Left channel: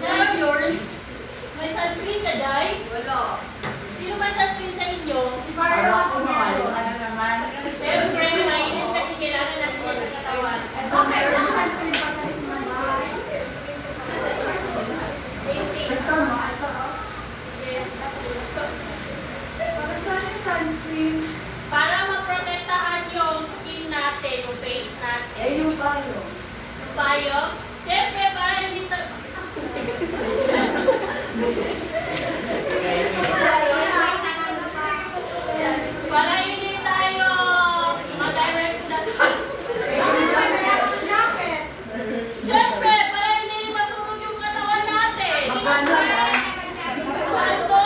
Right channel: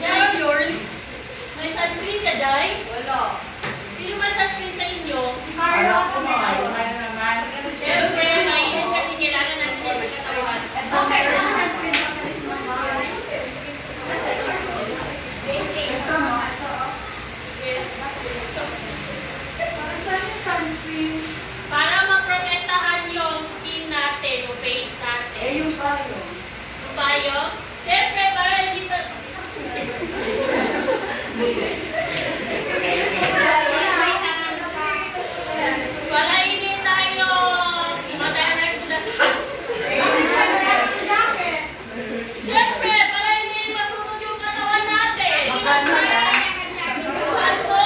Ngayon, may sunscreen ka, Day? Wala. Sino may sunscreen sa inyo? Si Carlo at Carlo. Siyempre, mainit kasi kailangan natin yung sa katawan. Okay, wala ka sunscreen pa pa rin mo. Gusto mo? Para saan yung sunscreen? Para maprotektahan yung skin natin, yung face natin. Yung payo. Yung bayo, siyempre, para hindi pa... Para hindi tayo ma-direct to the sun. Siyempre, para hindi masunog yung katawan natin. Ano?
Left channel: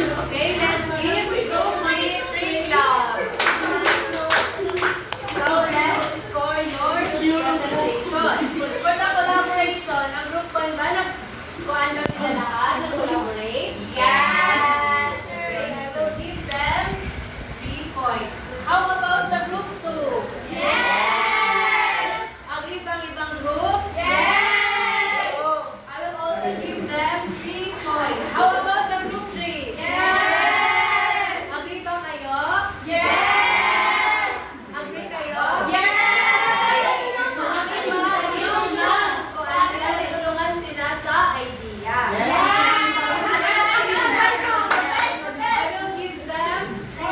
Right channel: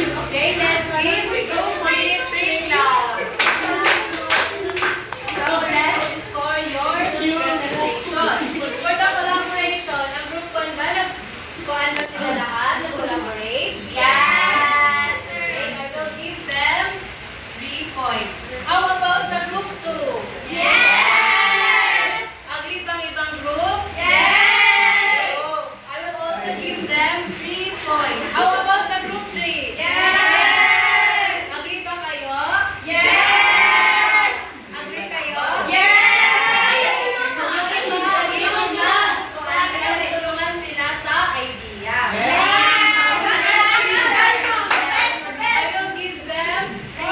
Okay, let's give group 3 claps. So, let's score your presentation. For the collaboration, ang group 1 ba, kuhaan ba sila lahat? Nag-collaborate? Yes! Okay, I will give them 3 points. How about the group 2? Yes! Agree bang ibang group? Yes! I will also give them 3 points. How about the group 3? Yes! Agree ba kayo? Yes! Agree kayo? Yes! Agree ba? If not, kuhaan sila, tutulungan sila sa idea. I will give them 3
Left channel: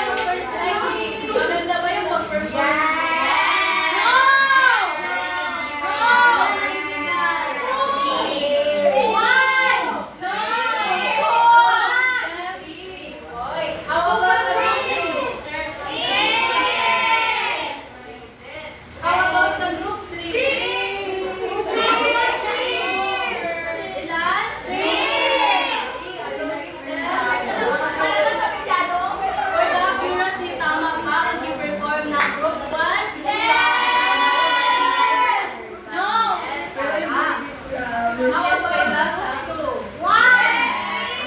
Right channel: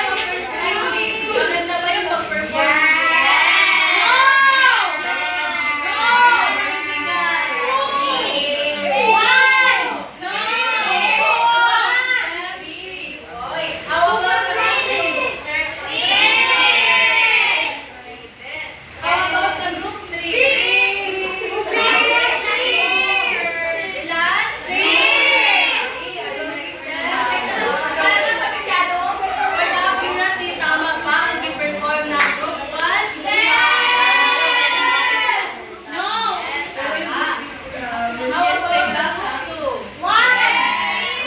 perspectives. Maganda ba yung pag-perform? How about the group 2? How about the group 3? Ilan? 3. I will give them. For the accuracy, tama ba ang i-perform ng group 1? No! Yes, tama. How about the group 2?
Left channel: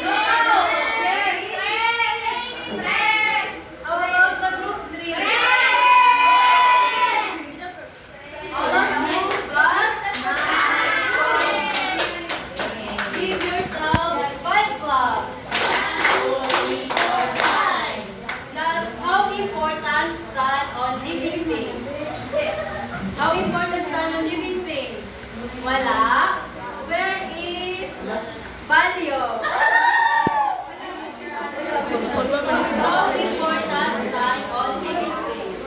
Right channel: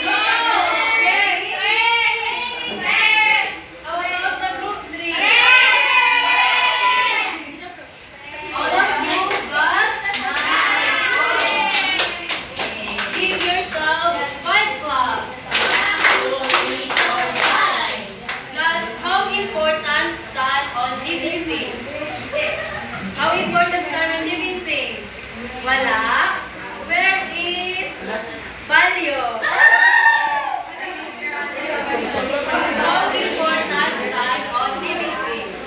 No! Yes! How about the group 3? All of you got 9. Give yourselves 5 claps. Plus, how important sun on living things? How important sun on living things? Wala. Where is value? How important sun on living things?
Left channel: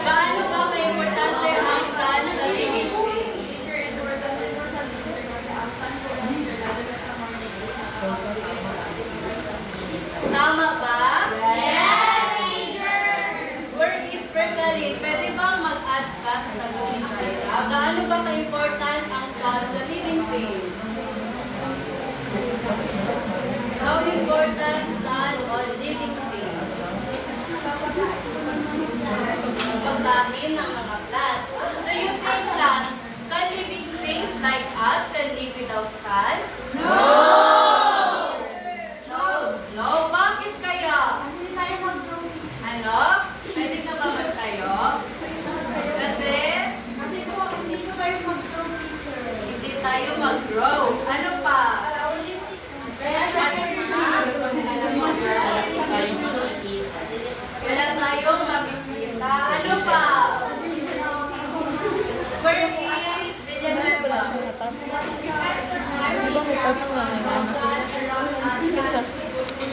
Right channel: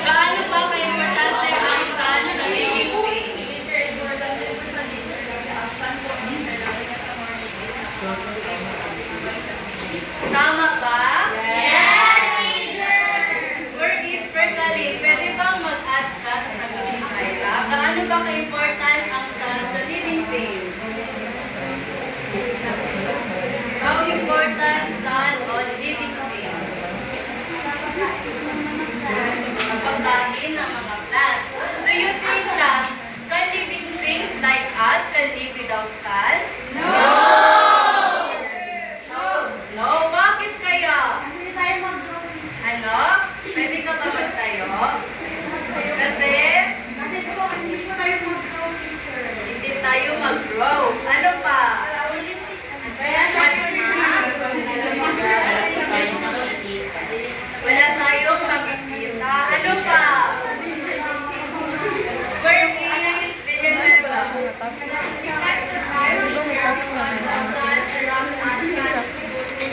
Gaano ba ka-importante ang sun sa living things? Tama ba? Where is Bertalin? Pwede bang mag-add ka sa sagot ni Jaira? Gaano ba ka-important ang sun sa living things? How important sun on living things? Pagkain ng mga plants. Do you think, class, can living things like us can live without sun? No! No? Bakit kaya? Hindi tayo mag-grow. Ano? Pwede ka ba magtayo? Kasi Kasi po, hindi po tayo mag-grow, teacher. hindi tayo mag-grow. Ano pa? Kaya What pa? Alam mo ba? Wala tayong makikita. Ano pa? Where is Villanueva?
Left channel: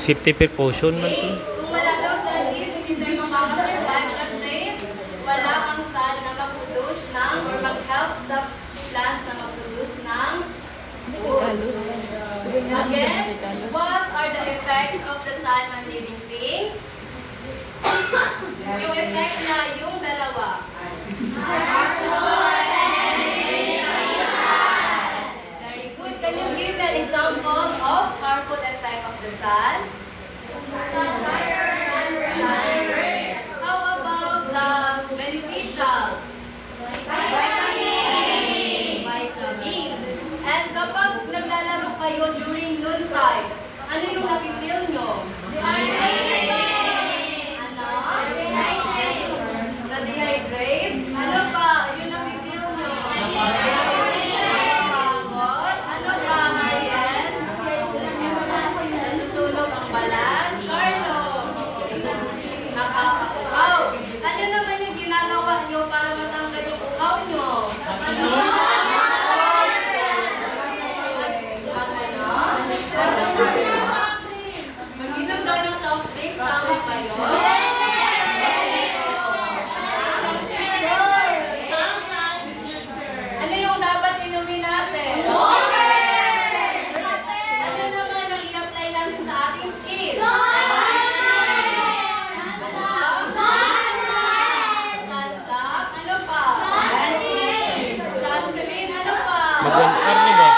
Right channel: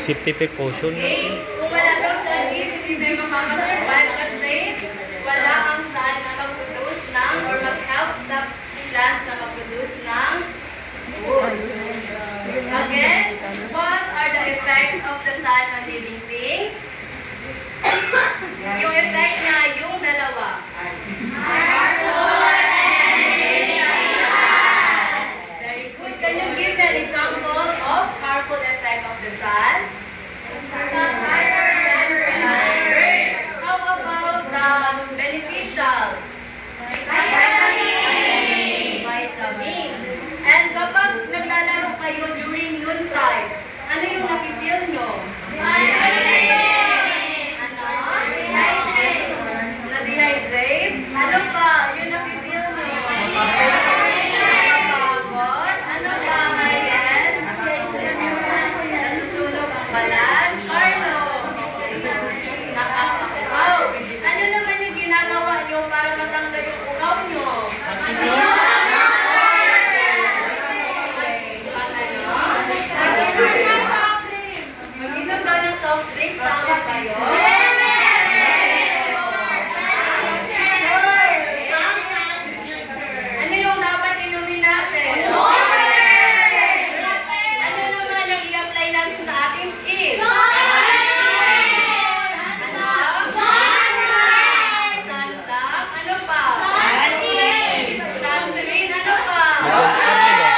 Safety precaution. Okay, kung wala daw sun is, hindi tayo makakasurvive kasi wala ang sun na mag-produce ng or mag-help sa plants na mag-produce ng food. Again, what are the effects of the sun on living things? Yung effect na yung dalawa. Very good. Can you give an example of harmful effect of the sun? Sunburn. How about the beneficial? Vitamins. And kapag naglalaro kayo during noontime, Ano yung nafe-feel nyo? Ano? Na-dehydrate? Ano pa? Yung nafe-feel nyo? Napapagod? Ano pa, Mariel? Nasusunog ang balat? Carlo? Nakakauhaw? Ano naman yung ginagawa nyo para matanggal yung uhaw nyo? Mag-inom daw ng soft drinks, tama kayo? Ano yung dapat inumin natin? Ano naman ang i-apply natin sa ating skin? Ano? Sunblock? Ano pa? Sunscreen? Ano pa? Mag-sunscreen,